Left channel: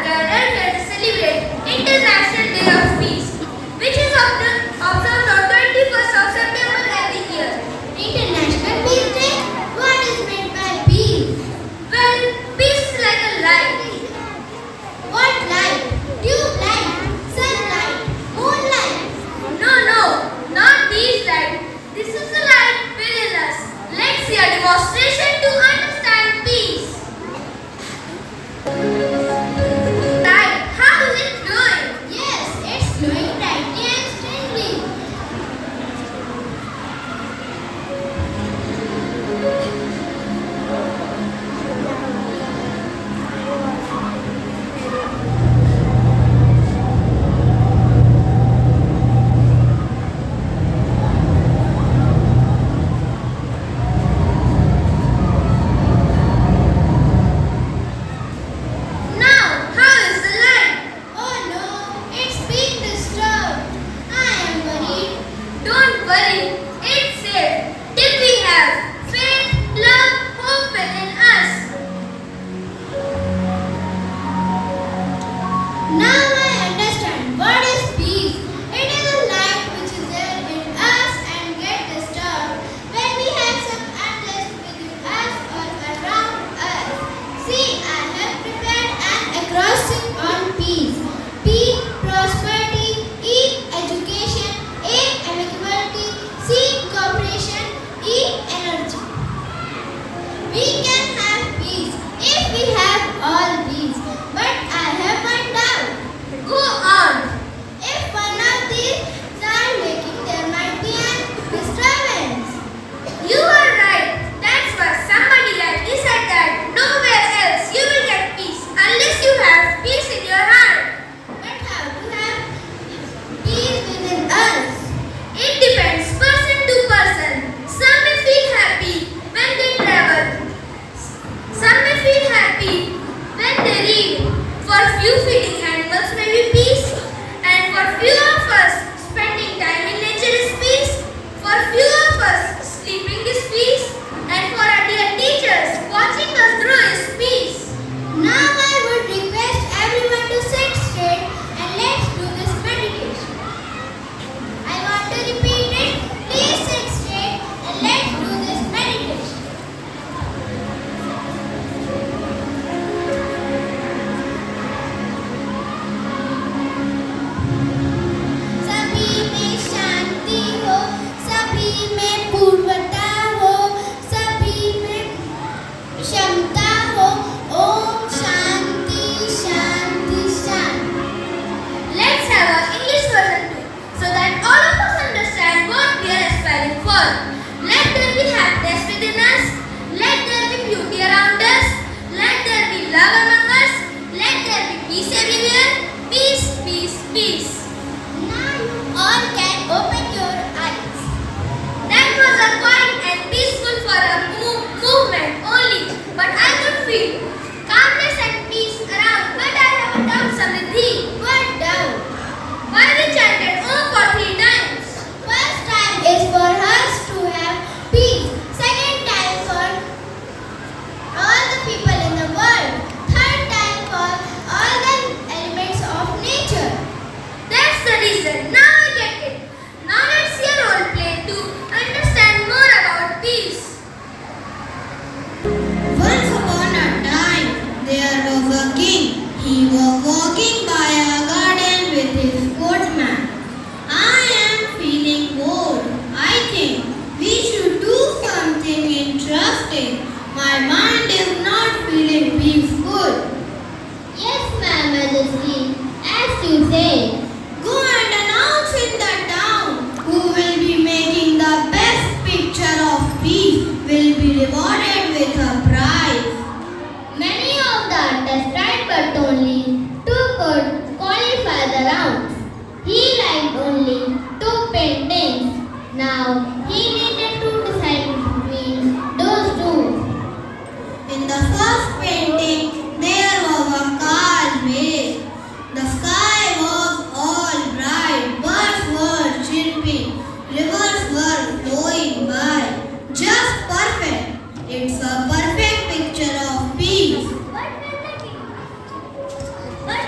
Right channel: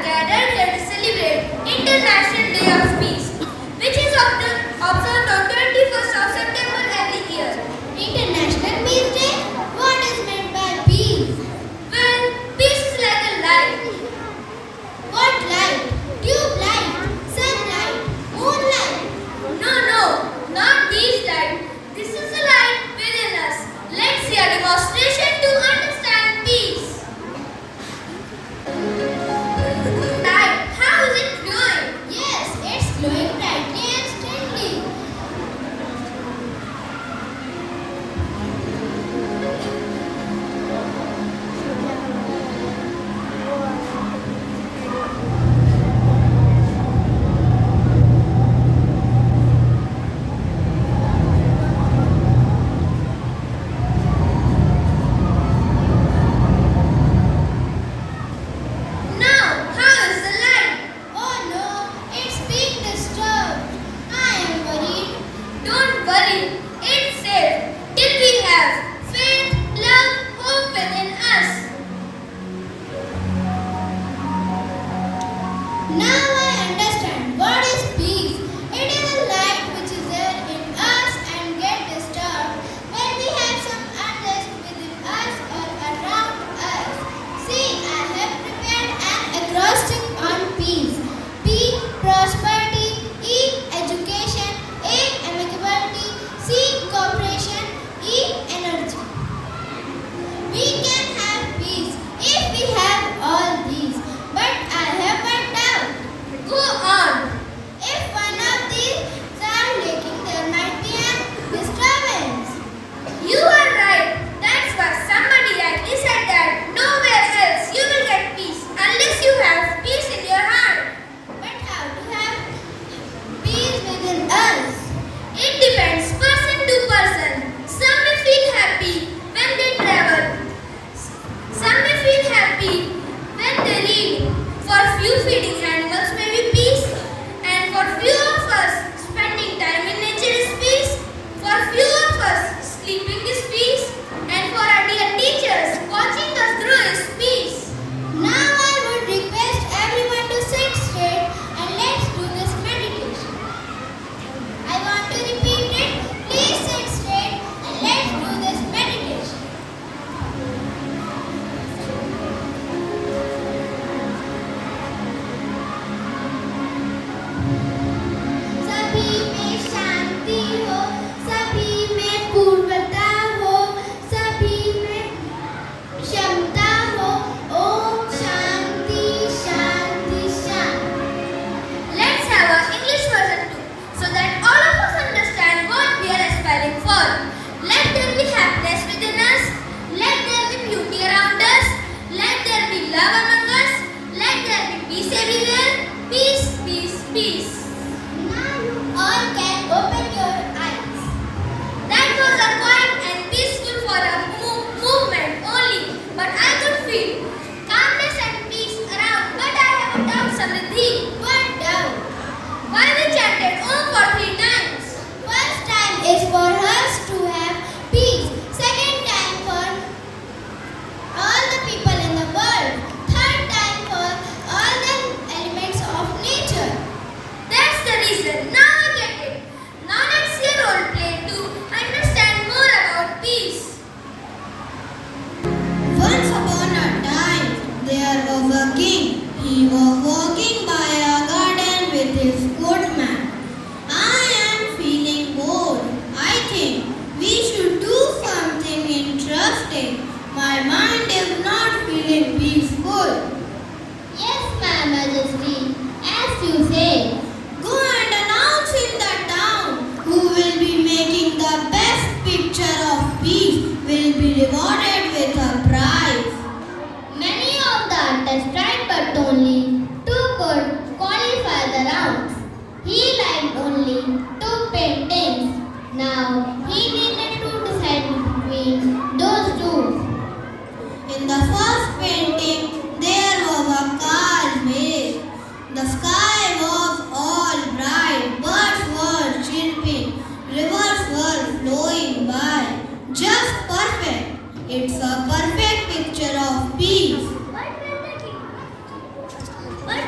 are gathered here to celebrate International Day of Peace, which is observed on 21st of September every year. International Peace Day? What is meant by peace? Well, peace is like a light. What light? Tube light, sunlight, moonlight. No, not these lights. This is the light within us. Let's see a demonstration to understand peace. Light, how is it glowing? Yes, it's glowing brightly and steadily. Now, how is the light? Oh no, it's being disturbed. I am worried. Don't worry, it's safe till we have faith, love, hope within us. Now I understand what is peace. It is a light which is there in us and get disturbed when we have some unrest within us or around us. See, I have prepared an acrostic on peace. P, prosperity. E, education. A, amicability. C, cooperation. E, energy. We can have peace if we have all these. But I have one doubt. Go on. If one of these are making, there might be an disturbance. You are right. That's why somebody rightly said that nowhere else you will get peace unless you have peace in your heart. But how to have peace within us? It depends person to person. Some may feel happy when they travel. Some may feel happy when they read. For few feeding animals may be peace. And for few of us, spending time in nature is peace. For few of us, sleeping is peace. And for our dear teachers, watching us grow is peace. Now I would request everyone to sit straight and let's do this meditation. I want to repeat it. Please sit straight and let's do this meditation. सभी में शांति हो, सभी में पूर्वता हो, सभी में क्षमता हो. ओम शांति शांति शांति. Let's have an English version too, so that all of us understand what we are aspiring for. Let there be happiness within us. Let there be beauty around us. Let there be love among us. Let there be peace everywhere. Peace, peace, peace. Now you all can open your eyes. That was a quiet and peaceful for a movement only, but I could feel calmness and peace around. But I have a doubt, Samriddhi. What doubt? Why we chanted Om for 3 times? First time is for us to have peace. Second time for all the people in the world. Third time for all the elements of nature. That's the reason. Now I get it. Now let's see a role play to understand more about peace. Once upon a time, there was a king. He was walking by a garden with his footman. I am feeling bored. I think we should do something interesting. My mind is not feeling peaceful. Yes, my majesty. As you say, go and announce in the town who will be making the best picture of peace will be rewarded with a prize. Many of the artists tried, but only 2 could qualify the rounds. He liked only 2 paintings. Now he needed to decide between those 2. In the first painting, there was a car made. The sky was all bright, birds were chirping, rivers were flowing by. Just perfect. It's a perfect picture of peace. But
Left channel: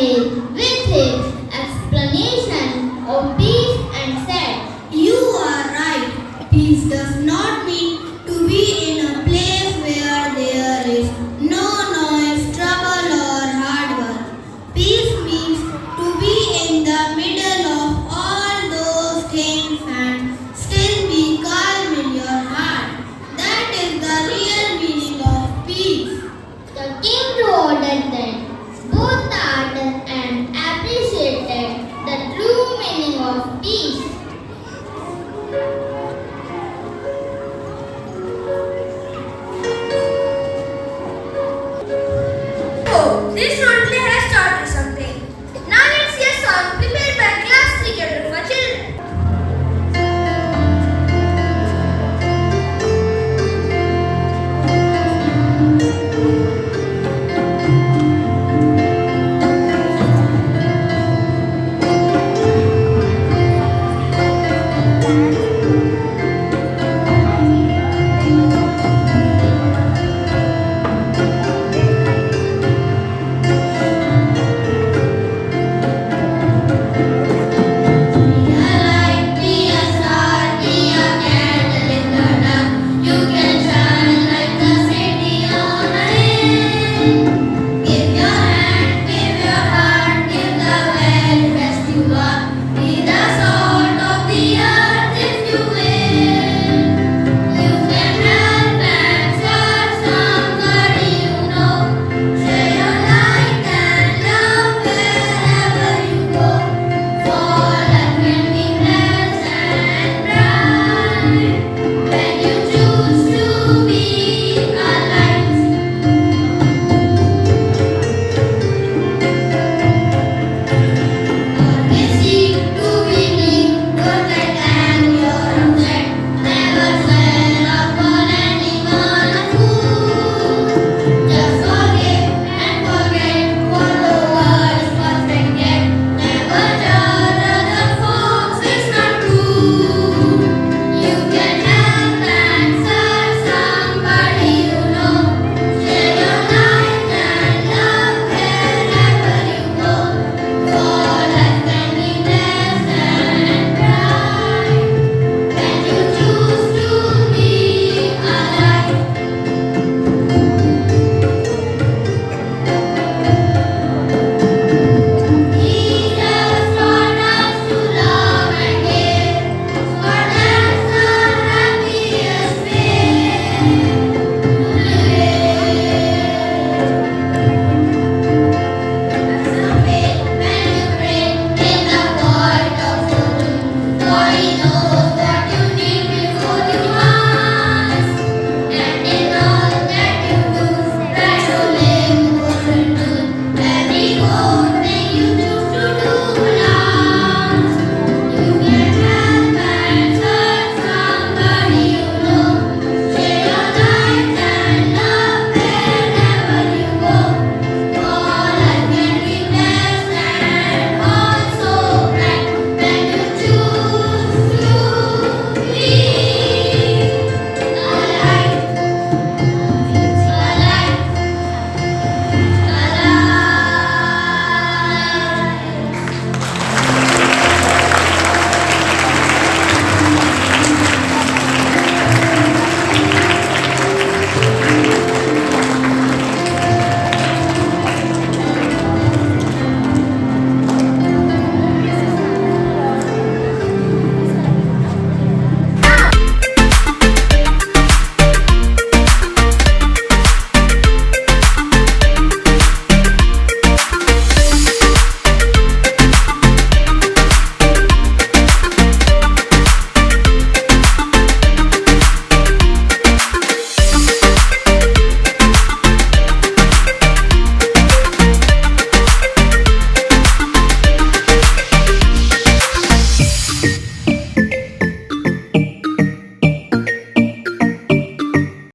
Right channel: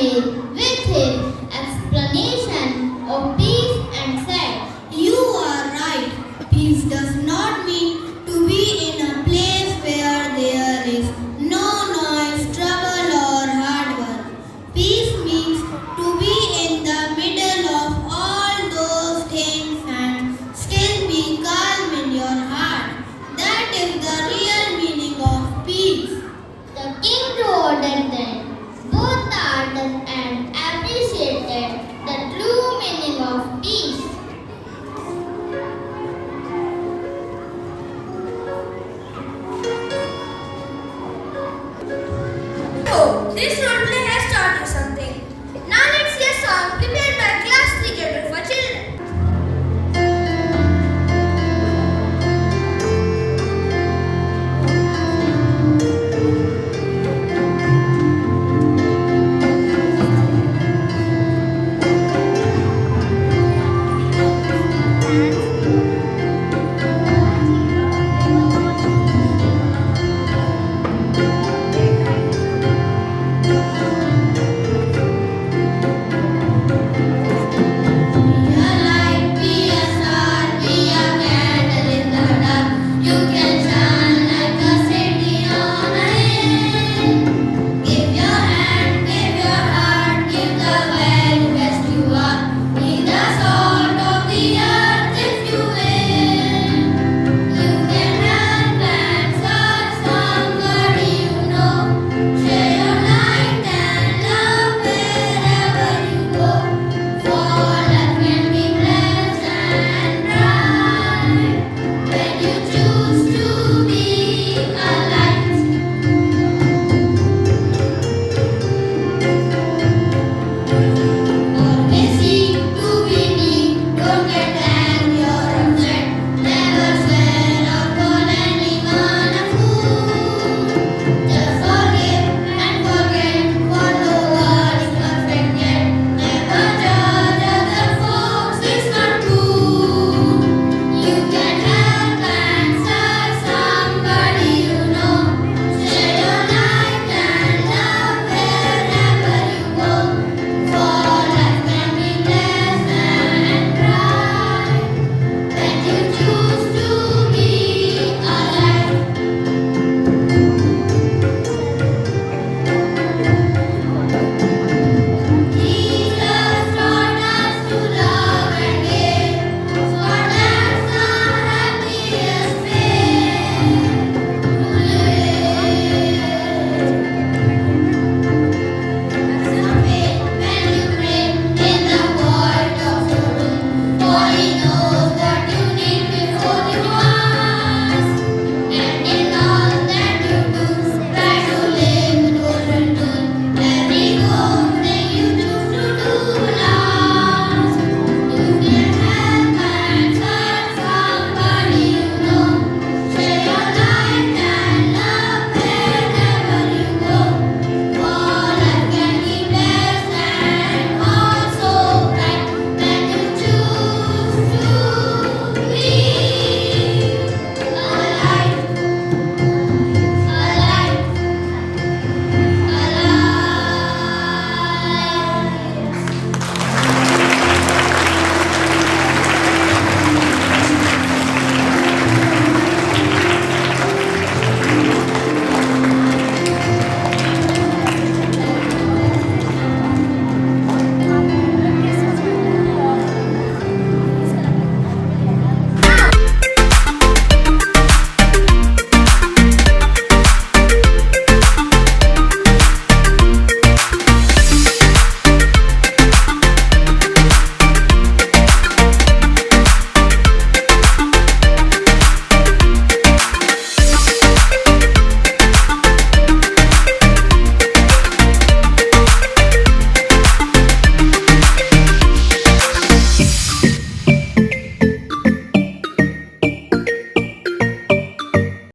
away with his explanation of peace and said, You are right. Peace does not mean to be in a place where there is no noise, trouble, or hard work. Peace means to be in the middle of all those things and still be calm in your heart. That is the real meaning of peace. The king rewarded them, both the artist and appreciated the true meaning of peace. So, this role play